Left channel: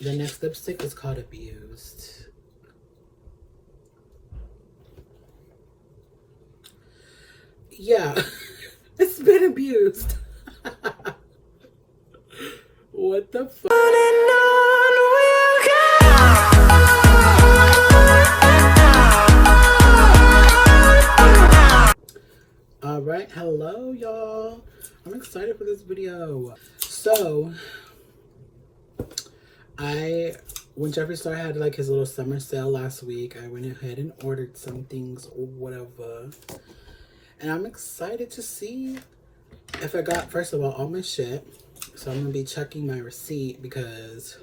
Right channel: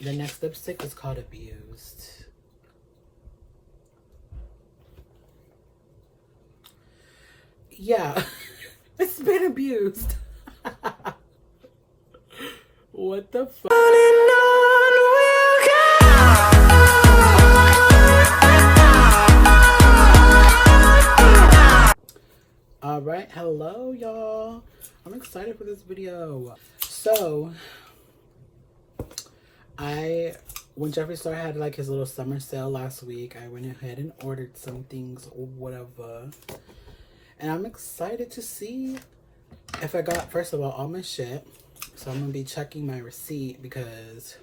The next lipstick is called Abused. Yeah, it's been abused. What the fuck? Alright, hello y'all. I'm excited for this video. So, when Jeffree Star had like his little summer sale last week, I went ahead and ordered some things or whatever. And I'm excited to see if I got, first of all my shit. So I'm gonna be checking my receipt because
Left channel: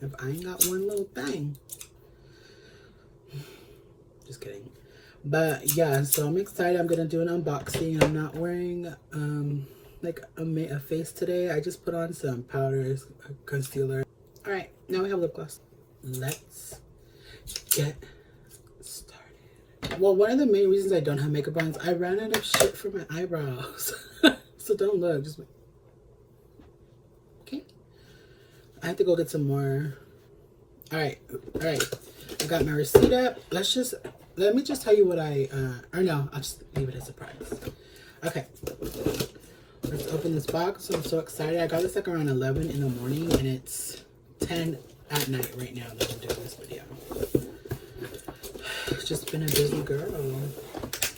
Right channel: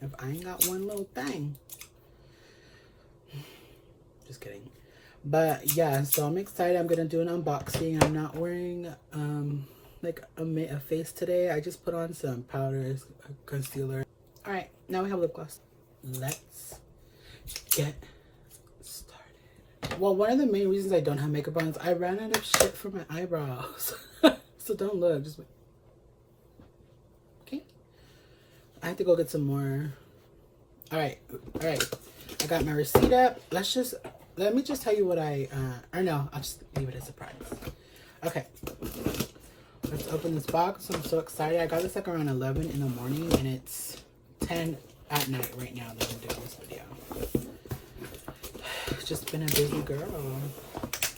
if I ain't got one little thing. Just kidding. But yeah, so I'm excited. I'm gonna do an unboxing. I'm not wearing like a face today. I just put on some powders, concealer. All right, now we have lip gloss. Let's get started. Well, one of the main reasons I don't have makeup on is I ran out of shit for my eyebrows. So don't look, just okay. I have to go get some more. All right. I got my receipt up. Let me just tell you what or no, I'll just leave it as a surprise. Okay. Let's open this box. I'm so excited. I got this like around 11 in the morning and it's 10 at night right now that I'm doing this video. It's just been a busy girl.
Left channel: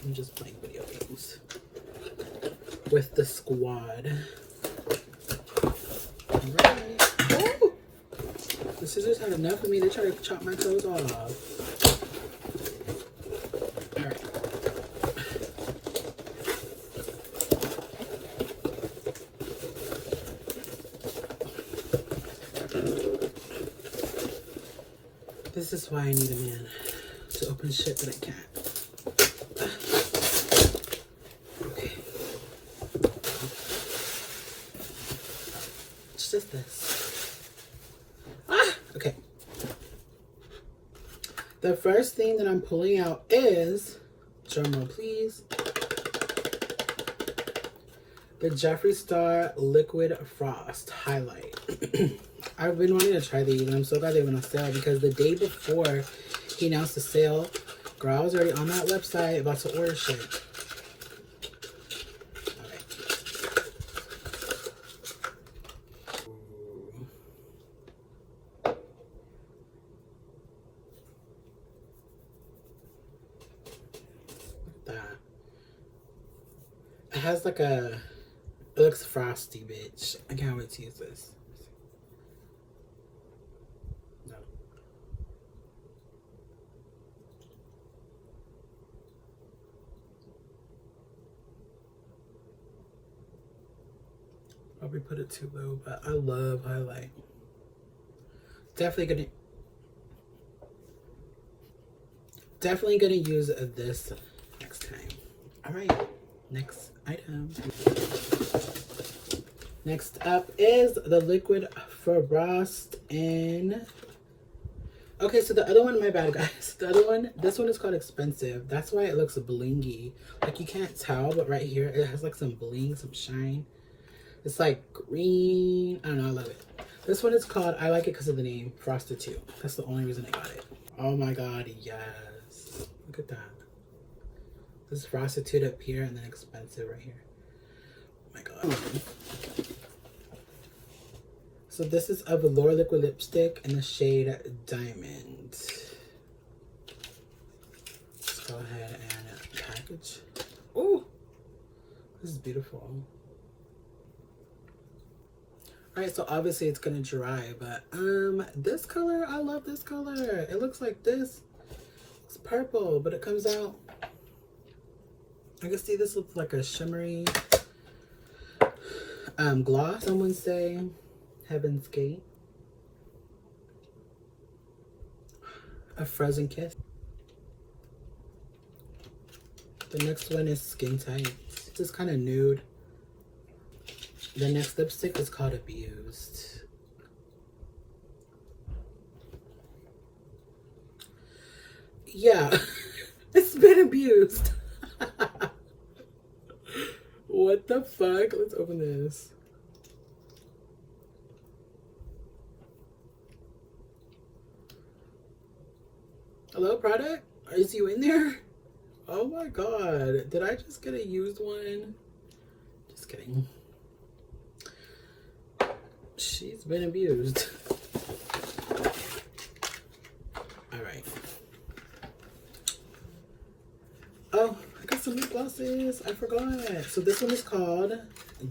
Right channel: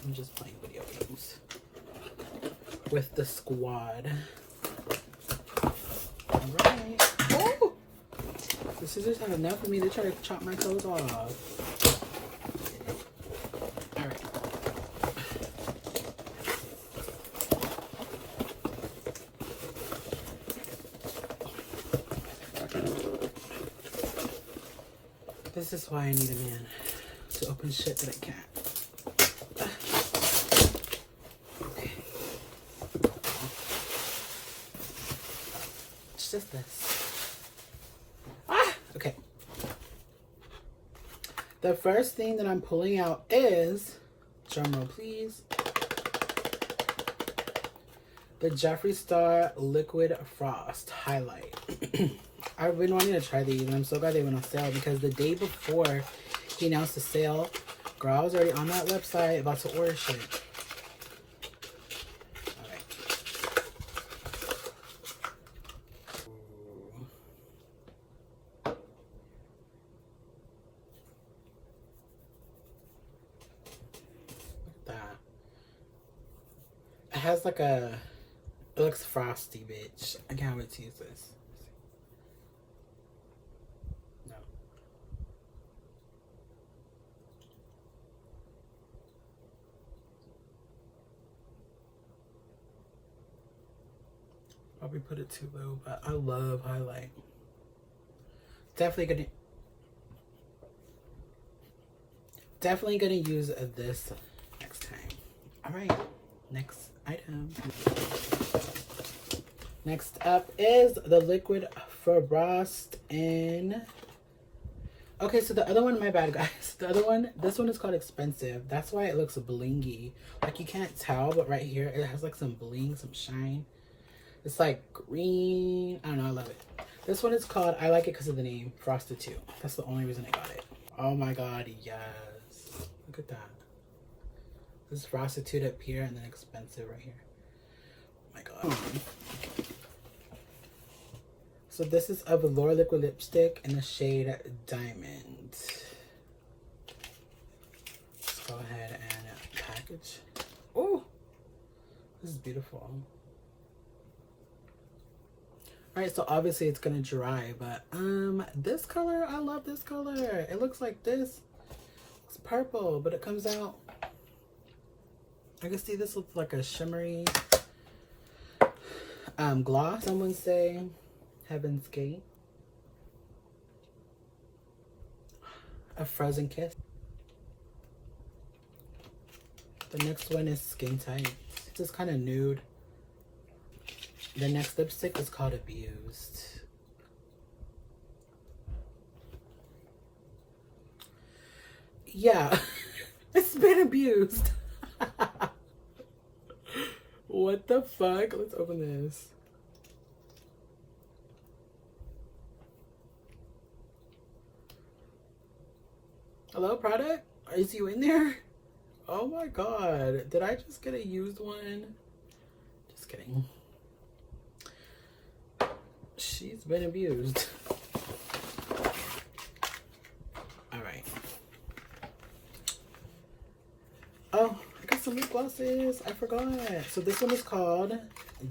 I'm just playing video games with the squad. Alright. Oh! The scissors have enough of me. They try to chop my clothes off. Alright. This is why I need a man to open shit that I can't. Okay. It's just this. Okay. The first thing that I'm pulling out is, drumroll please, the Jeffree Star Liquid Frost Highlight. I've been wanting to try these and I'm so glad they went on sale because the day before he announced the sale, girl, I was already on that website about to order shit. Alright. Look at that. It has like it looks frosty, bitch. I can't wait to use this. Probably put it too low, but I love highlight. Definitely gonna use this next time. All right, next item. Next up is the Liquid Frost in. Okay, so the other one, my bad guys. The other one, this one is called Expensive. That's why it looks blingy. Like you can't tell, but right here it has like some bling, some shine. It's like green. I don't know. I love it. This one is called, I like it because of the name, Frosted 2. That's the only reason I got it. Oh my god, yes. Look at that. This is Frosted 2 up here and then Expensive right here. Oh my god. So this is a velour liquid lipstick in the shade Diamond. Let's go ahead and package. Oh, this is beautiful. Alright, so obviously it's gonna dry, but this color, I love this color. It looks like this. It's purple, but it comes out. I can see this looks like a shimmery gloss. Some would say Heaven's Gate. A Frozen Kiss. The next one is Skin Tight. It's just kind of nude. The next lipstick is called Abused. Yeah, it's been abused. What the fuck? Let's open this. Hello, product? Is you in there? Oh my god. Did I just get a used one? Just kidding. She's been abused. Alright. Oh, I got some lip glosses. I forgot. So this one is called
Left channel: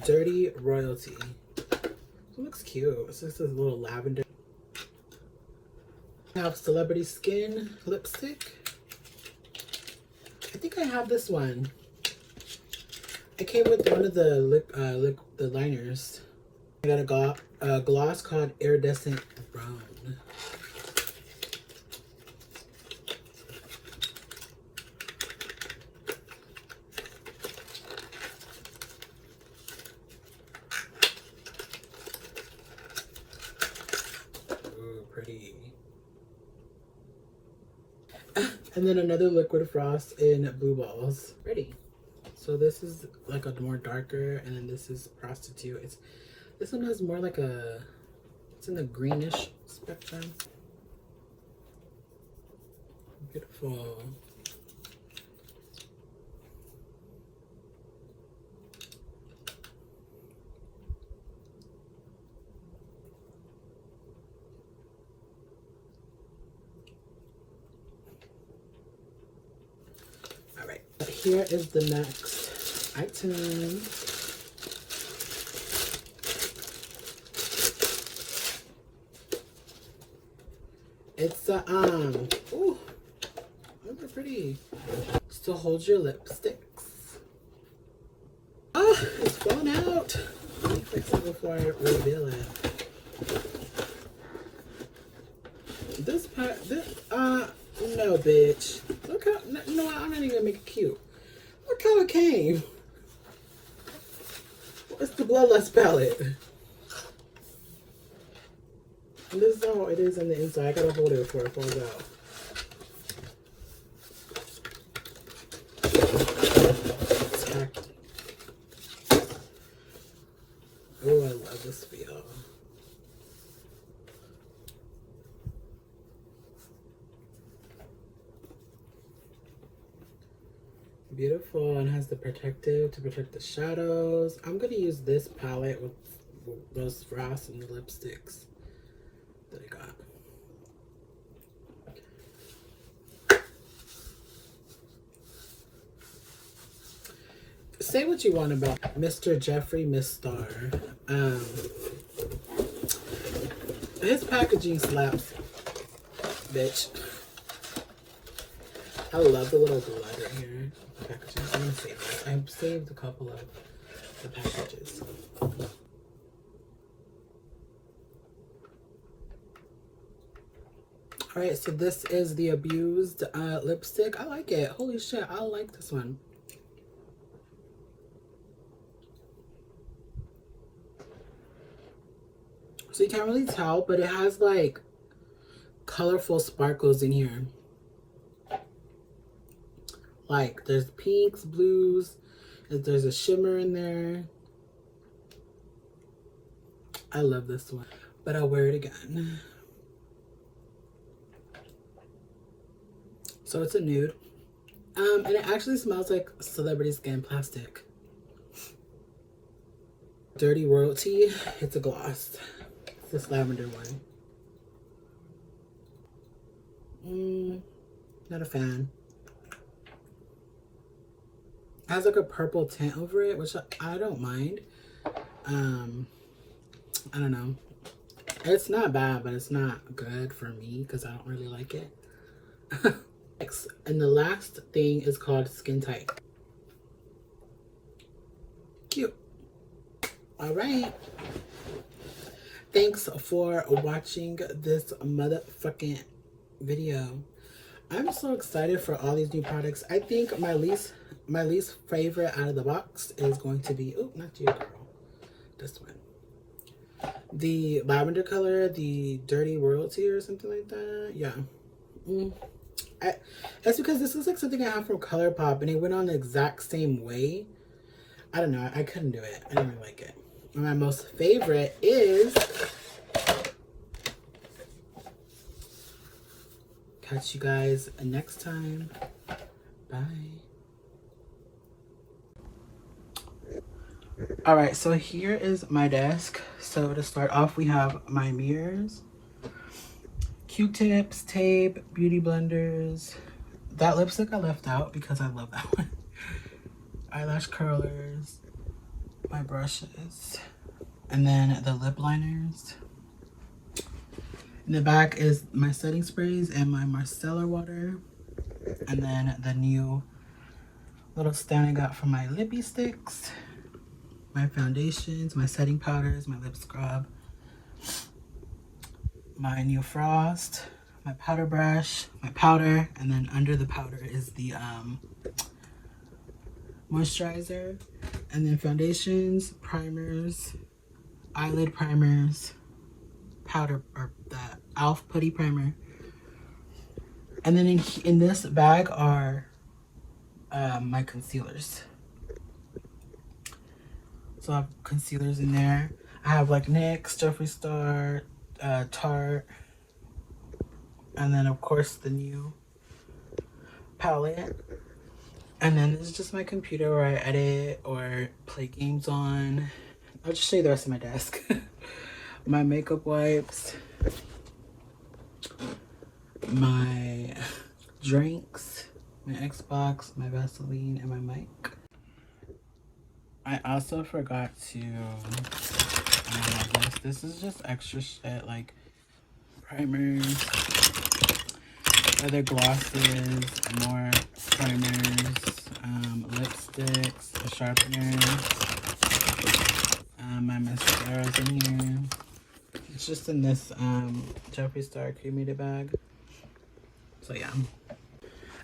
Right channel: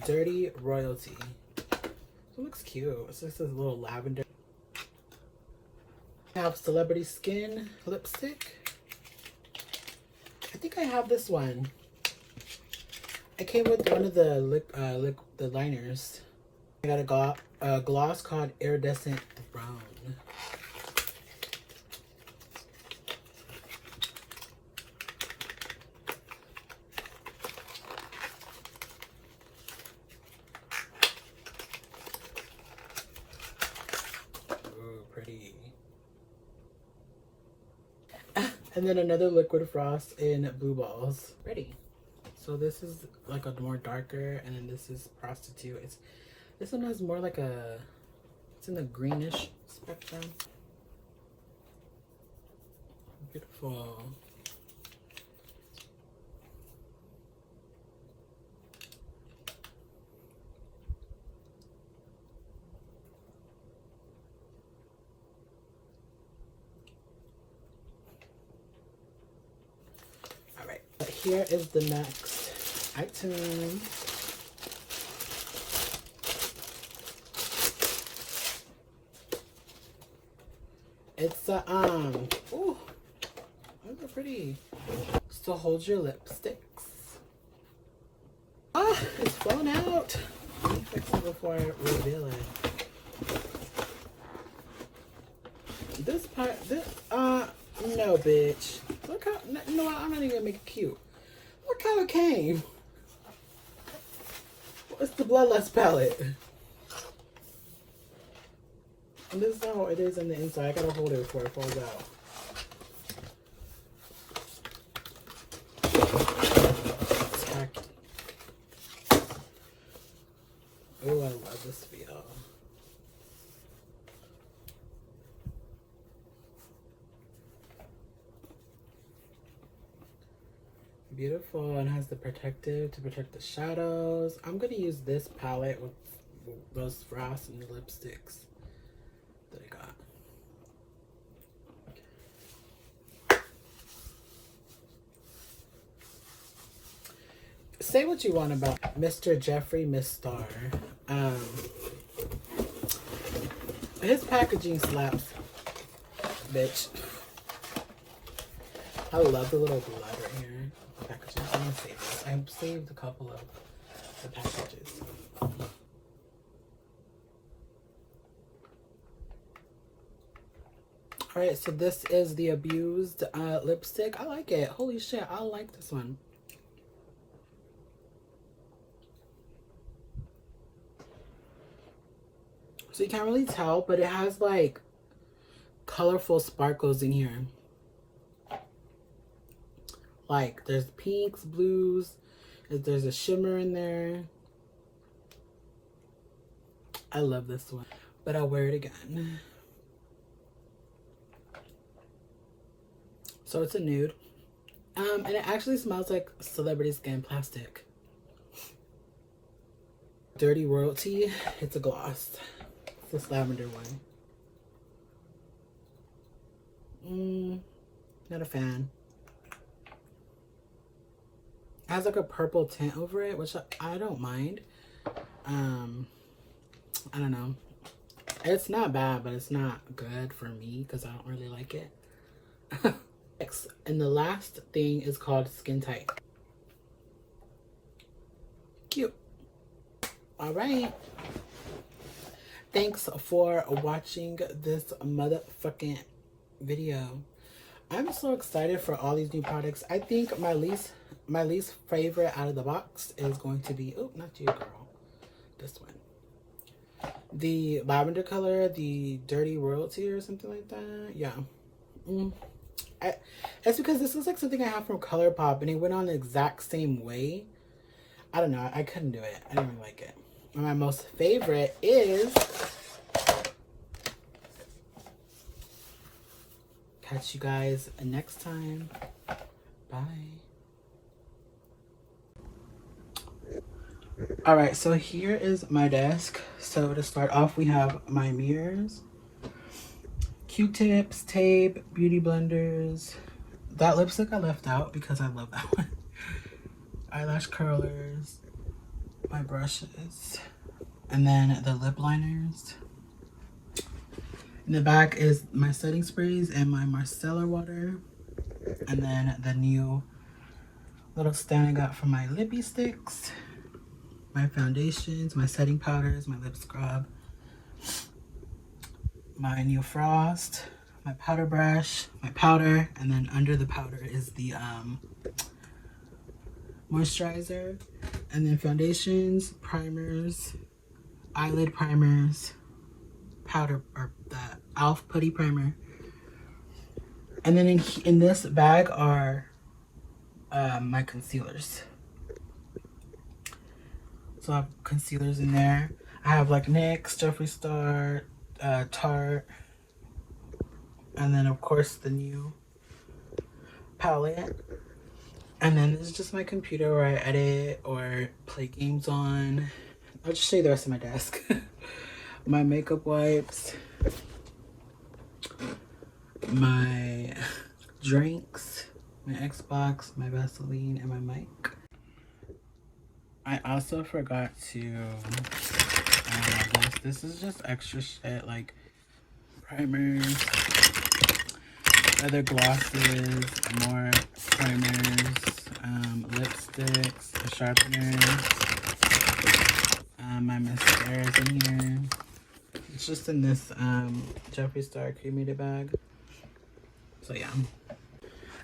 Dirty Royalty. It looks cute. It's just this little lavender. I have Celebrity Skin lipstick. I think I have this one. I came with one of the the liners. I got a gloss called Iridescent Brown. Ooh, pretty. And then another liquid frost in Blue Balls. Pretty. So this is like a more darker, and then this is Prostitute. This one has more like it's in the greenish spectrum. Beautiful. All right, here is the next item. It's ooh, those are pretty. Still hold your lipsticks. Oh, it's falling out. Let me fix it before I reveal it. This part, no, bitch. Look how, you know what, I'm not even gonna make it cute. Look how it came. It's the Bloodlust palette. And this is how it is on the inside. I gotta hold it before it falls out. Oh, I love this feel. Beautiful, and has the protective to protect the shadows. I'm gonna use this palette with those frosts and the lipsticks that I got. Say what you want about Mr. Jeffree Miss Star. His packaging slaps, bitch. I love the little blood right here. Packaging. I'm gonna save this. I saved a couple of the packages. Alright, so this is the Abused lipstick. I like it. Holy shit, I like this one. So you can't really tell, but it has like colorful sparkles in here. Like there's pinks, blues, there's a shimmer in there. I love this one, but I'll wear it again. So it's a nude. And it actually smells like Celebrity Skin plastic. Dirty Royalty. It's a gloss. It's this lavender one. Not a fan. It has like a purple tint over it, which I don't mind. I don't know. It's not bad, but it's not good for me because I don't really like it. Next, and the last thing is called Skin Tight. Cute. All right. Thanks for watching this motherfucking video. I'm so excited for all these new products. I think my least favorite out of the box is going to be, oh, not you, girl. This one. The lavender color, the Dirty Royalty or something like that. Yeah. It's because this looks like something I have from ColourPop and it went on the exact same way. I don't know. I couldn't do it. I didn't really like it. And my most favorite is catch you guys next time. Bye. All right, so here is my desk. So to start off, we have my mirrors, Q-tips, tape, beauty blenders. That lipstick I left out because I love that one. Eyelash curlers, my brushes, and then the lip liners. In the back is my setting sprays and my micellar water. And then the new little stand I got for my lippy sticks, my foundations, my setting powders, my lip scrub, my new frost, my powder brush, my powder, and then under the powder is the moisturizer, and then foundations, primers, eyelid primers, powder, or the e.l.f. putty primer. And then in this bag are my concealers. So I have concealers in there. I have like NYX, Jeffree Star, Tarte, and then of course the new palette. And then this is just my computer where I edit or play games on. I'll just show you the rest of my desk. My makeup wipes, my drinks, my Xbox, my Vaseline, and my mic. I also forgot to this is just extra shit, like primers, other glosses, more primers, lipsticks, sharpeners, my mascaras in here. It's just in this Jeffree Star cremated bag. So yeah.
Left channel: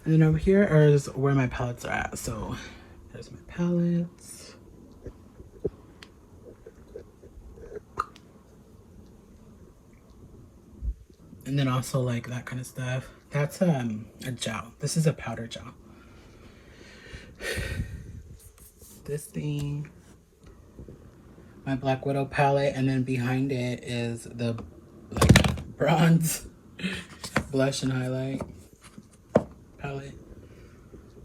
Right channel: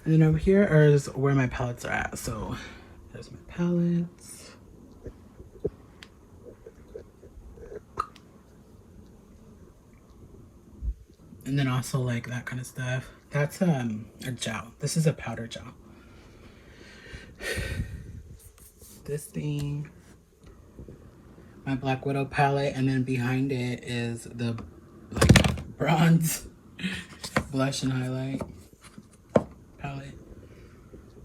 And then over here is where my palettes are at. So there's my palettes. And then also like that kind of stuff. That's a gel. This is a powder gel. This thing, my Black Widow palette, and then behind it is the like bronze blush and highlight palette.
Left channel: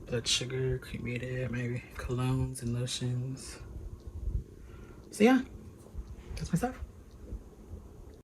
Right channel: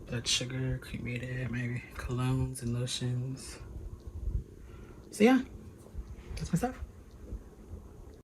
Blood sugar, cremated, maybe colognes and lotions. So yeah, that's my stuff.